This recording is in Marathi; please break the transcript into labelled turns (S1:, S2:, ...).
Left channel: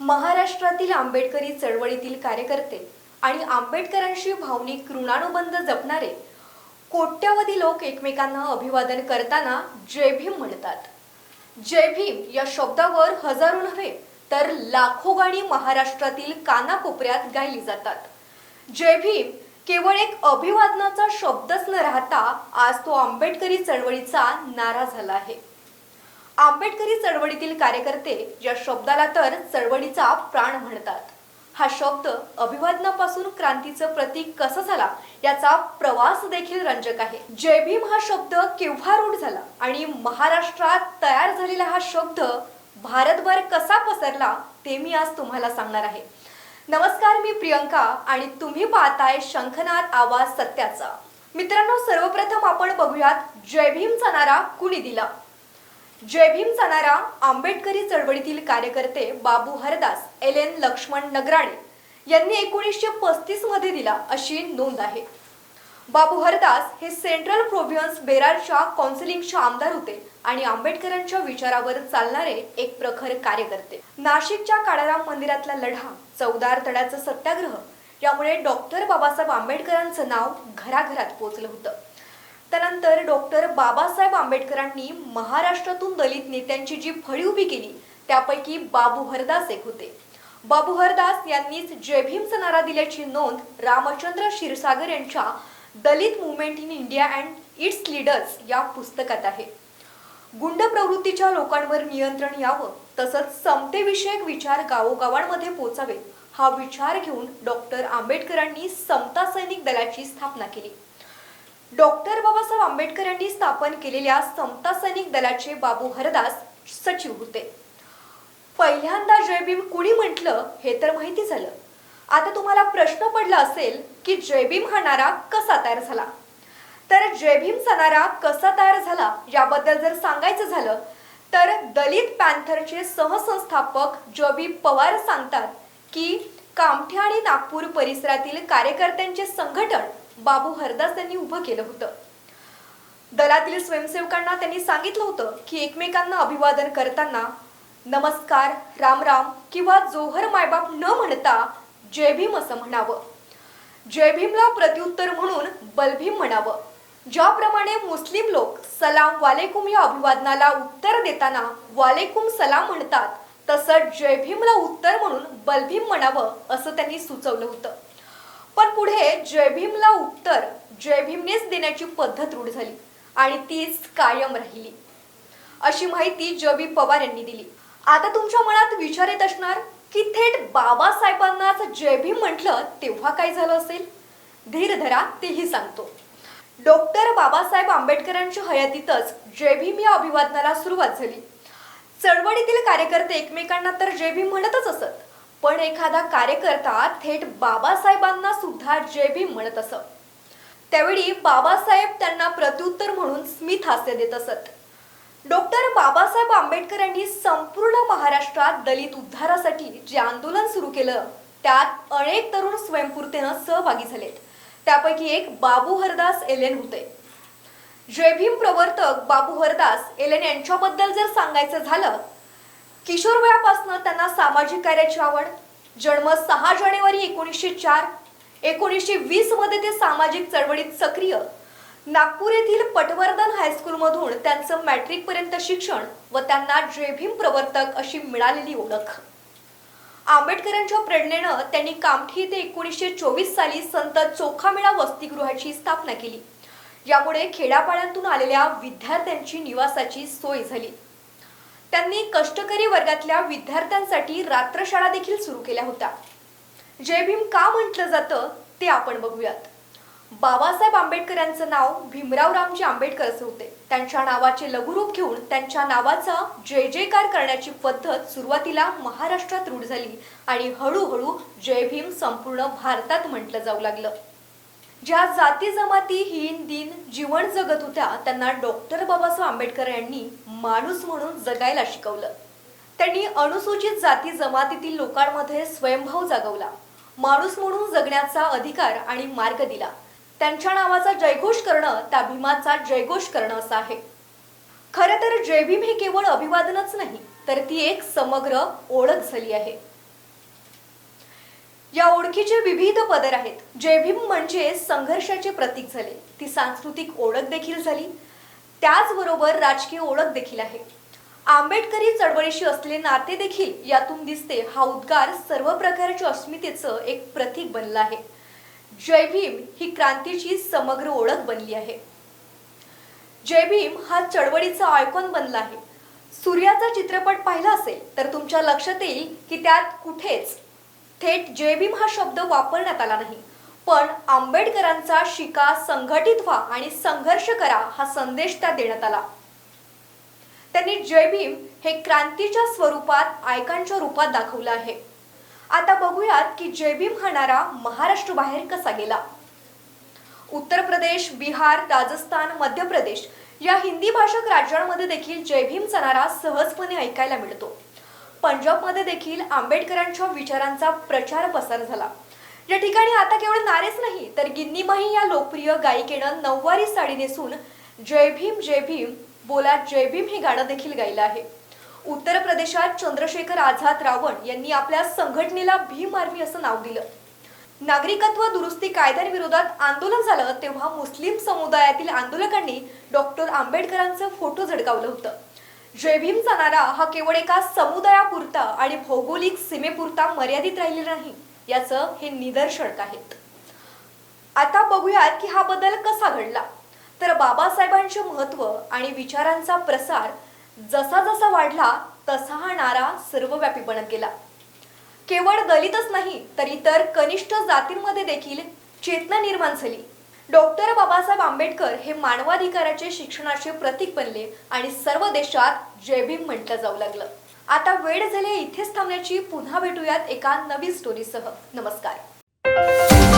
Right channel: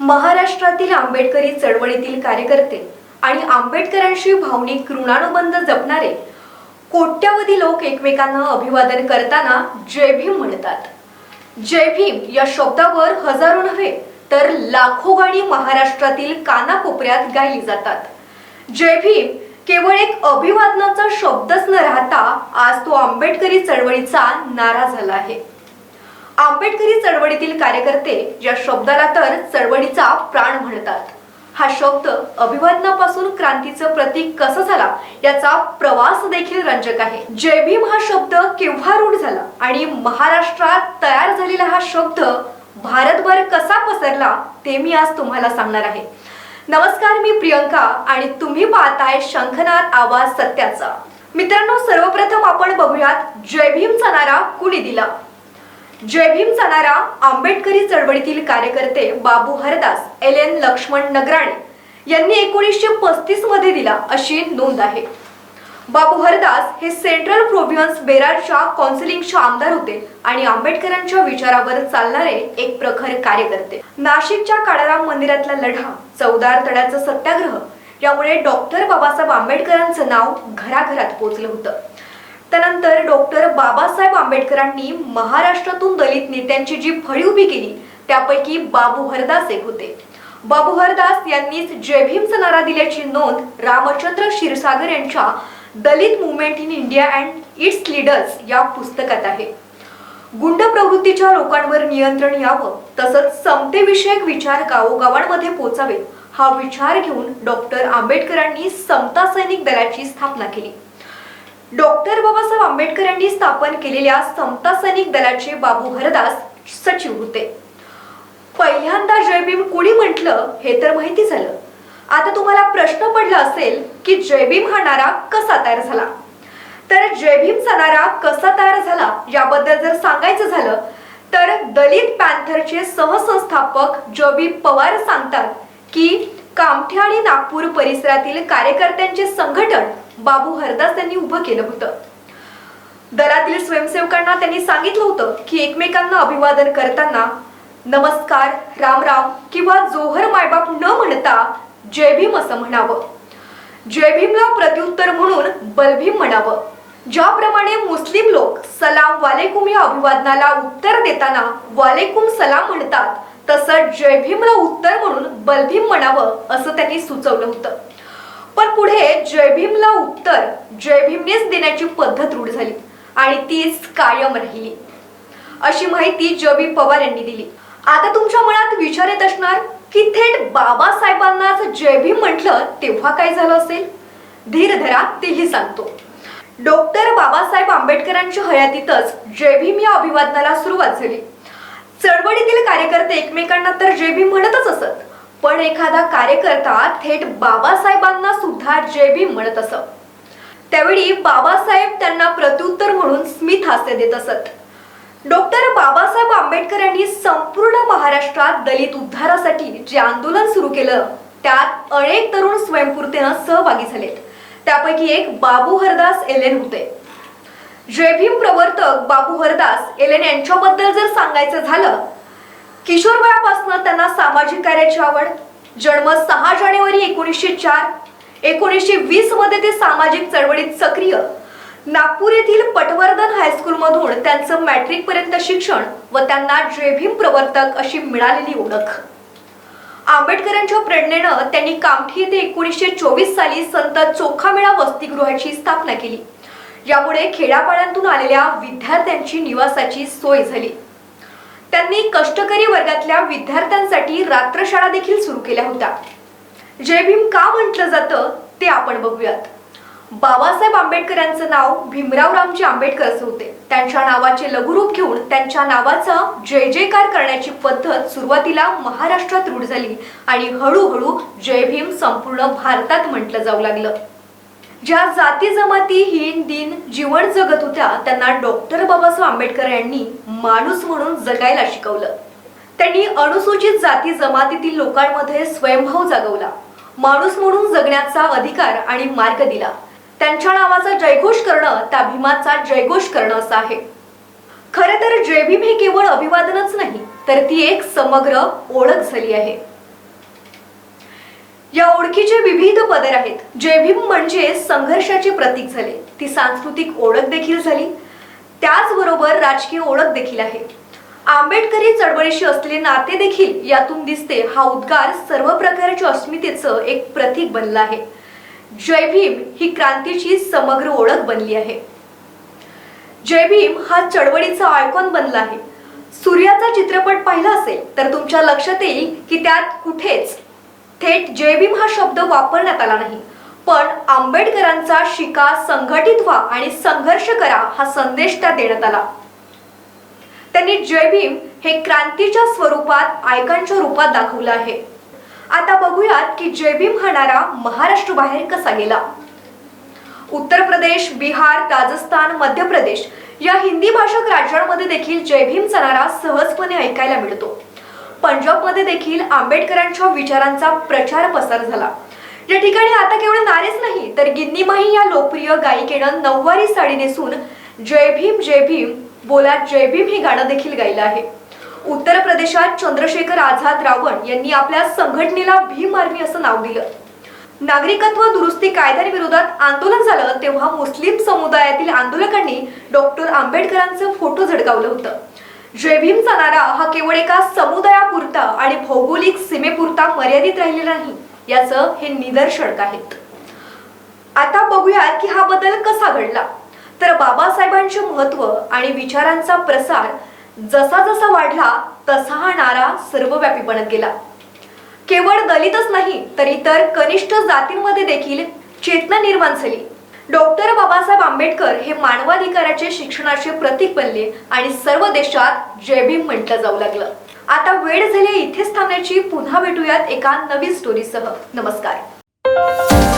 S1: महाराष्ट्रातील आंबेडकरी चळवळीतील कार्यकर्ते आणि आंबेडकरांशी भावनिक ऋणानुबंध जपणारे कोट्यावधी लोक एकमेकांना अभिवादन करताना जय भीम म्हणतात. जय भीम या शब्दावर हजारो नव्हे तर लाखो गाणी महाराष्ट्रातील कानाकोपऱ्यात गायली जातात. जय भीम केवळ एक अभिवादनाचा शब्दच न राहता आज तो आंबेडकरी चळवळीचा नारा झाला आहे. आंबेडकरी चळवळीतील कार्यकर्ते या शब्दाला तर चळवळीचा प्राण म्हणतात हा शब्द अभिवादनापासून क्रांतीचं प्रतीक कसं झाला याचा प्रवास देखील रंजक आहे. जय भीम हा शब्द केव्हा रूढ झाला आणि महाराष्ट्रात तयार झालेला हा शब्द पसरला ते मी आज तुम्हाला सांगणार आहे. नमस्कार मी प्रियंका आणि तुम्ही पाहताय शंखनाद आवाज सत्याचा. मित्रांनो सर्वप्रथम आपण बघूयात जय भीमचा नारा कुणी दिला? जय भीम जाणारा आंबेडकरी चळवळीतील कार्यकर्ते बाबू हरदास एल एन लक्ष्मण नगराणे यांनी एकोणीसशे पस्तीसमध्ये दिला अशी नोंद आहे. बाबू हरदास हे सेंट्रल प्रोव्हिन्स बेरारच्या कौन्सिलिंगचे आमदार होते आणि आंबेडकरांच्या विचारावर चालणारे एक प्रखर कार्यकर्ते. नाशिकच्या काळाराम मंदिरातला लढा चौदार तळ्याचा सत्याग्रह यामुळे डॉक्टर बाबासाहेब आंबेडकरांचं नाव घराघरात पोहोचलं होतं. त्यानंतर डॉक्टर बाबासाहेब आंबेडकरांनी महाराष्ट्रातून दलित नेत्यांची जी फळी उभी केली त्यापैकी बाबू हरदास एक होते. बाबू हरदास यांनीच जय भीमचा नारा दिल्याची नोंद रामचंद्र क्षीरसागर यांच्या Dalit movement in India and its leaders या पुस्तकात आहे. गुंड प्रवृत्तीच्या लोकांवर नियंत्रण यावं तसंच समतेविषयक विचार गावोगावांमध्ये पोचावे हा विचार घेऊन डॉक्टर आंबेडकरांनी समता सैनिक दलाची स्थापना केली. डॉक्टर बाबासाहेब आंबेडकर यांनी स्थापन केलेल्या समता सैनिक दलाचे बाबू हरदास सचिव होते. पहिल्यांदा जयभीम कुणी म्हटलं हे तर माहिती झालं. आता तुम्हाला प्रश्न पडला असेल की जय भीम हा नारा कसा तयार झाला? तर जयभीमचा नारा कसा तयार झाला याबद्दल जर सांगायचं झालं तर दलित पॅन्थरचे सहसंस्थापक जयभीम पवार सांगतात की कामठे आणि नागपूर परिसरातील कार्यकर्त्यांचे संघटन बाबू हरदास यांनी उभं केलं होतं. दरातील स्वयंसेवकांना त्यांनी सांगितलं होतं की एकमेकांना अभिवादन करताना नमस्कार राम राम किंवा जोहर मायबाप न म्हणता जय भीम असं म्हणावं. जय भीमला प्रत्युत्तर म्हणून बलभीम म्हणावं. ज्याप्रमाणे मुस्लिम लोक सलाम वालेकुम या अभिवादनाला उत्तर देताना वालेकुम सलाम म्हणतात तसं जय भीमला उत्तर म्हणून बलभीम म्हणावं असं त्यांनी सुचवलं होतं. पण पुढे जय भीमला उत्तर जय भीमनेच देण्याची पद्धत रूढ झाली आणि तीच कायम राहिली. अशी माहिती जवी पवार यांनी दिली. आता तुमच्या मनात विचार येत असणार? की थेट बाबासाहेबांना जय भीम म्हटलं तेव्हा काय झालं असेल? धीर धरा तेही सांगतो. डॉक्टर बाबासाहेब आंबेडकरांच्या हयातीतच जय भीम या अभिवादनाला सुरुवात झाली. चळवळीतील कार्यकर्ते एकमेकांना तर जय भीम म्हणतच असत पण एखादा कार्यकर्ता थेट बाबासाहेबांना सुद्धा जय भीम म्हणत असत. त्यावेळी बाबासाहेब त्यांना प्रत्युत्तर म्हणून स्मित हास्य देत असत. डॉक्टर बाबासाहेब आंबेडकर यांनी संपूर्ण महाराष्ट्रात दलित उद्धारासाठी जे आंदोलन सुरू केलं त्यात अनेक तरुण स्वयंपूर्तीनं सहभागी झाले त्यापैकी एक बाबू हरदास एलेन होते. जय भीम प्रवर्तक बाबू हरदास एलेन यांच्याबद्दल जर सांगायचं झालं किशोर वयापासून त्यांना सामाजिक कार्याची आवड जन्म सहा जानेवारी एकोणीसशे चार एकोणीसशे वीसमध्ये ते सामाजिक चळवळीत सक्रिय नागपूर येथील पटवर्धन हायस्कूल मधून त्यांचं मॅट्रिक पर्यंत शिक्षण व त्यांना जेभीम प्रवर्तक अशी मिळालेली ओळख. आंबेडकरांच्या प्रेरणेनं त्यांनी कामठी येथे एकोणीसशे चोवीस साली संत चोखामेळा वसतिगृहाची स्थापना केली. यामुळे खेड्यापाड्यांतून आलेल्या विद्यार्थ्यांची निवासाची सोय झाली. त्यांनी कष्टकरी वर्गातल्या विद्यार्थ्यांसाठी रात्रशाळा देखील सुरू केल्या होत्या. जय भीम का म्हटलं जातं ते आपण बघूयात. बाबासाहेब आंबेडकर यांचं नाव भीमराव रामजी आंबेडकर असे होते. त्यांच्या नावाचे लघुरूप घेऊन त्यांच्या नावाचा जय जयकार करण्याची पद्धत सुरुवातीला महाराष्ट्रात रूढ झाली आणि हळूहळू जय भीम संपूर्ण भारतात म्हटलं जाऊ लागलं. ज्या जाती जमाती हीन दिन जीवन जगत होत्या त्यांना डॉक्टर बाबासाहेब आंबेडकर यांनी माणूस म्हणून जगायला शिकवलं. त्यांनी अनुसूचित जाती जमातीतील लोकांमध्ये स्वयंभाव जागवला. माणूस म्हणून जगण्याचा अधिकार आणि मार्ग दिला. त्यांच्या नावाचा जयघोष करणं त्या भीमाचा जयघोष करणं असं आहे. खरे तर जय भीम हे केवळ अभिवादनच नाही तर ती एक समग्र ओळख झाली आहे. या ओळखीचे विविध पदर आहेत. जय भीम म्हणजे संघर्षाचे प्रतीक झाले. ती सांस्कृतिक ओळख देखील झाली. त्याचबरोबर राजकीय ओळख देखील आहे. आंबेडकरी चळवळीशी असलेले नाते देखील यातून दिसते. हा उद्गार सर्व प्रकारच्या अस्मितेचं एक प्रतीक बनला आहे. जय भीम ही क्रांतीची समग्र ओळख बनली आहे. जय भीम हा चळवळीचा आयकॉन बनला आहे. सूर्याचा चित्रपट पाहिला असेल तर तुमच्या लक्षात येईल की त्यात कुठेच थेट जय भीम हा शब्द वापरण्यात आला नाही. पण आंबेडकरांचा शिका संघटित व्हा आणि संघर्ष करा हा संदेश त्या देण्यात आला. त्यांनी जय भीम हे क्रांतीच्या स्वरूपात आयकांच्या रूपात दाखवलं आहे. आता बघूयात की जय भीम हा महाराष्ट्र बाहेर कसा गेला? उत्तर प्रदेश बिहार राजस्थान मध्य प्रदेश या हिंदी भाषक राज्यांमध्ये देखील जय भीम नारा सहजपणे ऐकायला मिळतो. पंजाबमध्ये देखील आंबेडकरांच्या विचारांचा प्रचार पसार झाला. या ठिकाणी आता केवळ नारेच नाही तर गिन्नीमाही या लोकप्रिय गायिकेनं नऊवारी साडी नेसून जय भीम जय भीम बोला जय भीम हे गाणं देखील गायलं आहे. उत्तर प्रदेशात चंद्रशेखर आझाद रावण यांनी आपल्या संघटनेला भीम आर्मी असं नाव दिलं. नागरिकत्व दुरुस्ती कायद्याविरोधात आंदोलन झालं तेव्हा मुस्लिम समुदायातील आंदोलकांनी डॉक्टर आंबेडकरांचं फोटो झळकावलं होतं. जय भीमचा नारा हा केवळ एका समुदायापुरता आणि भौगोलिक सीमेपुरता मर्यादित राहिलेला नाही याचं हे निदर्शक आहेत आता बघूयात की हा बदल कसा घडला. तर बाबासाहेबांचे महत्त्व आणि विचारांचा प्रसार जसा जसा वाढला तसा हा नारा सर्वव्यापी बनत गेला. केवळ दलितच नाही तर इतर कनिष्ठ जातींमध्ये देखील चेतना निर्माण झाली. डॉक्टर बाबासाहेब आंबेडकर हे मानवाधिकाराचे शिक्षणाचे प्रतीक बनले आणि सर्व देशात जय भीम म्हटलं जाऊ लागलं. आता वेळ झाली इथेच थांबण्याची. पुन्हा भेटूयात एका नवीन स्टोरीसह नमस्कार.